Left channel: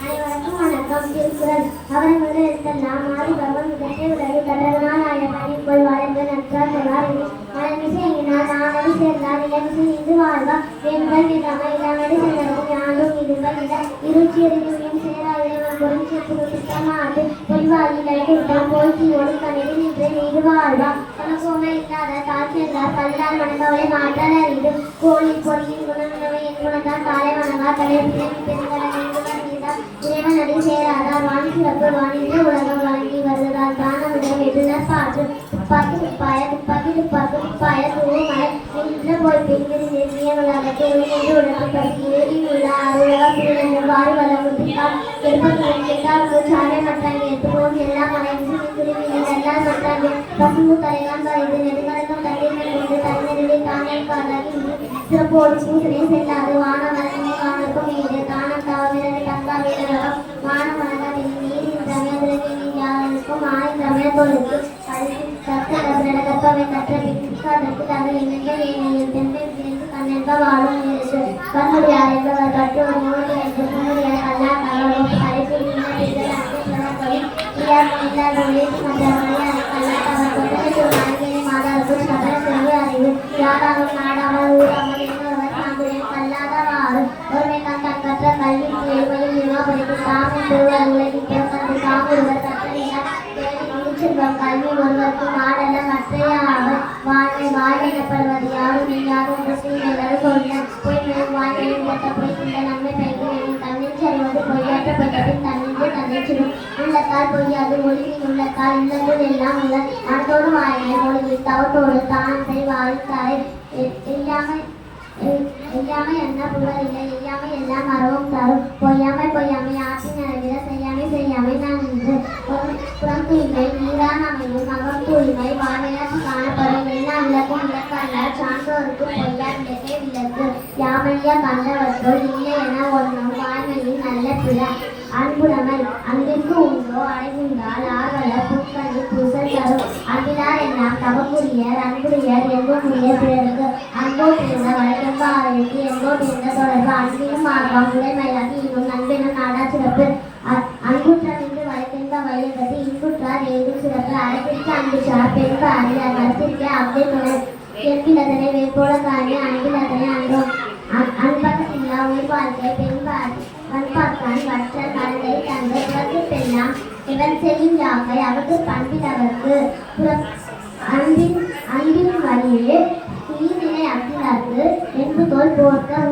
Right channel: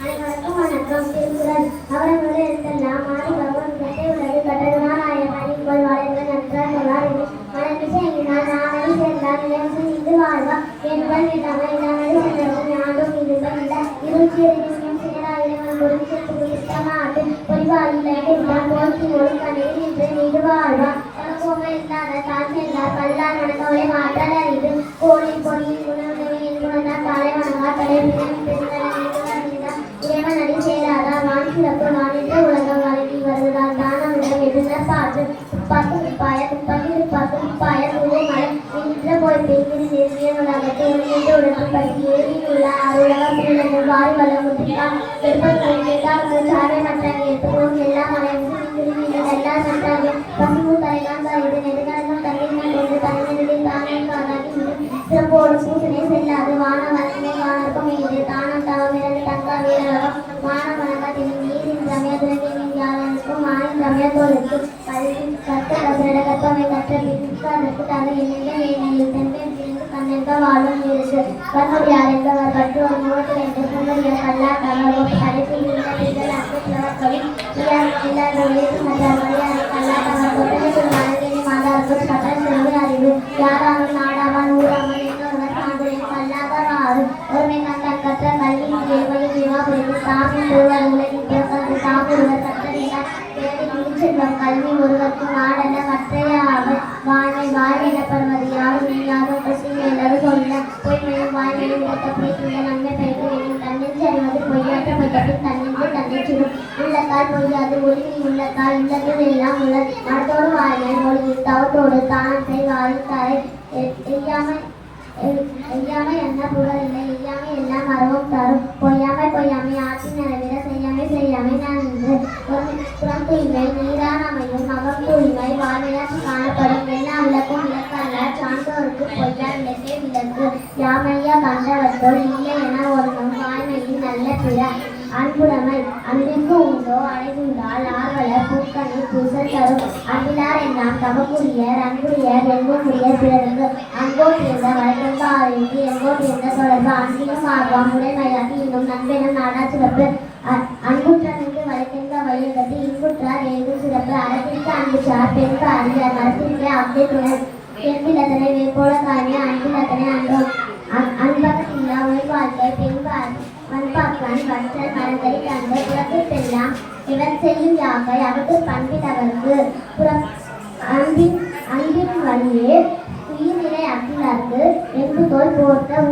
அனைவருக்கும் வணக்கம். திருக்குறள். அவர்களுடைய எழுத்தெல்லாம் ஆதி பிரபன் விதத்தை உலகில் கட்டணால் ஆயிரக்கணில் போய் வாழ்ந்த நற்றார் சொல்லார். மலர்மிசை எங்கினார் நானவி சேர்ந்தார் இளமிசை நின்று வாழ்வா வேண்டுடன் கேட்டாமல் இளமதி சென்றவர்கள் யாரும் இருப்பதில்ல இருச்சி எறியும் சேரா இளைவன் பொருள் செப்பு திட்டமாட்டு பொய்வாயில் ஐடிவிட்டால் போய்ச்சியோடு கணியில் நின்று நீடு வாழ்வா தனக்கோமை இல்லாத தார் சேர்ந்தார் பல்லால் வணக்கவை மாற்றால் அறிந்து கோழின் பொறியின் குணவை என் குணத்தால் காலை வணங்கா தலைவித்தை இறைவன் அடி சேராதா வான் சிறப்பு வானின்று உலகம் வழங்கி வருவதால் தானமிட வெற்றினர் பாற்று துப்பாக்கி துப்பாய துப்பாக்கி துப்பாக்கி துப்பாய துருவமலை நின்ற போய் பிரிந்து நெருங்கிய உலகத்தை ஒளிநீடு உடனே பற்றி ஏறியில் உள்ள அருளக பிள்ளைகள் வாரி வல்லமுத்தினால் எடுப்பதை கேட்டால் சாரை மட்டான் எட்டுமோம் எல்லாம் மலைந்து திருவிழி தண்டால் மட்டான் பசுமு தலைதான் பாய்ந்து நெடுங்கடங்கள் தண்ணீர்கள் கொண்டு தலைநெருடி தானே காதாக்கி சிறப்போடு பூசனை செல்லாது வான வளர்மை காணற்கும் மீது தானம் தவமிரண்டு தங்கா வீரகம் மானவனகத்தின் நீரின் சமயத்தின் யாருக்கும் ஆயின் சமயத்தோருக்கு கல்வி கற்று கற்ற கற்பவை கற்ற பிற்கு அதற்கு தந்த எண்ணங்கள் நீனையும் தென்பில் சேர்ந்து கண்ணெடுக்க வாழும் இருக்கு கண்ணுடையார் என்பவர் கற்று ஒரு மூவத்தில் என்று புண்ணுடைய கல்லாட்டவர் கடைசி நீங்கள் அனைத்துவர்களும் எல்லாரும் உழைத்து மற்ற மொழியார் கல்லாட்டவர் கொட்டகைக்கு ஒரு மனநிலை மாதாவுக்கு சட்ட சிறந்து அறிவு யாராமல் நாடாமல் ஊராமல் என்னொருவர் தாங்குடைய கல்லாதவாறு ஒருமை கண்டன் கற்ற கல்வி கேள்வியும் வினாபுரிந்து தாமும் ஒருவர் உலகில் பிறக்கன்று தாமொருவர் கற்றறியார் செல்வம் கல்வி ஒருவருக்கு நாடல்ல மற்றையாக வாழ்வை வாழ்விடப்படுவது யாரும் நீயாக கிருஷ்ணன் சொல்ல பொய்மையும் வாழ்வையும் கேட்ட பொய்க்கின்ற நன்மை பயன்களின் தன்னிச்சு அறிவது பொய்யாற்றப்பட்ட பின் தன்னின்று தன்னிச்சிடும் உள்ளத்தால் பொய்யாது ஒளியில் உள்ளத்தால் உள்ளத்தில் எல்லாம் உள்ள மனத்தோடு வாழ்வே மொழியில் தவத்தோடு தானத்தை வாழ்த்தாரை எய்யாமை என்ன புகழ் இல்லை எய்யாமை எல்லாம் அறவும் தரும் பொய்யாமை ஆட்சி நிறைவேற செய்யாமை நான் என்று புறம் தூய்மை நீரான் அமையும் அகம் தூய்மை வாழ்மையாற்றி காணப்படும் என்ன விளக்கும் விளக்கல்ல சான்றோருக்கு பொய்யா விளக்கே விளக்கு யாமையா கண்டவற்றோல் இல்லை என ஒன்றும் வாழ்மையின் நல்ல பிற அன்புடைமை அன்பிற்கு உண்டோ அடைந்தால் ஆர்வல பூக்கணி பூசல் தரும் அன்பிலார் எல்லாம் தமக்குரியர் அன்புரியர் என்புரிய பிறருக்கு அன்போ பிறந்த வழக்கென்ப ஆயுக்கு எங்கோ பிறந்த தொடர்பு அன்பிலும் ஆர்வம் உடைமையாகி இன்னும் நண்பெனும் நாடா சிறப்பு அன்புற்றார் நின்று வழக்கென்ப வழியில் கட்டி இன்புற்றார் ஏதும் சிறப்பு அரைப்பிடிக்க அன்பிற்றார் பெண்ப அறியார் மரத்திற்க அவ்வே துணை என்பில் அதனை வேற்போல காணிய அன்பில் அதனை அன்றோம் அன்பகம் இல்லா உயிர் வாழ்க்கை பெண்பார் வன்பாக்கான் வற்றல் மரங்களை கண்டு புறத்திற்கெல்லாம் இவர் செய்யும் யாக்கை அவருக்கு பண்பில் அவருக்கு அன்பின் வழியே உயிரினை அகிலார்க்கு என்பு தோல் போர்க்க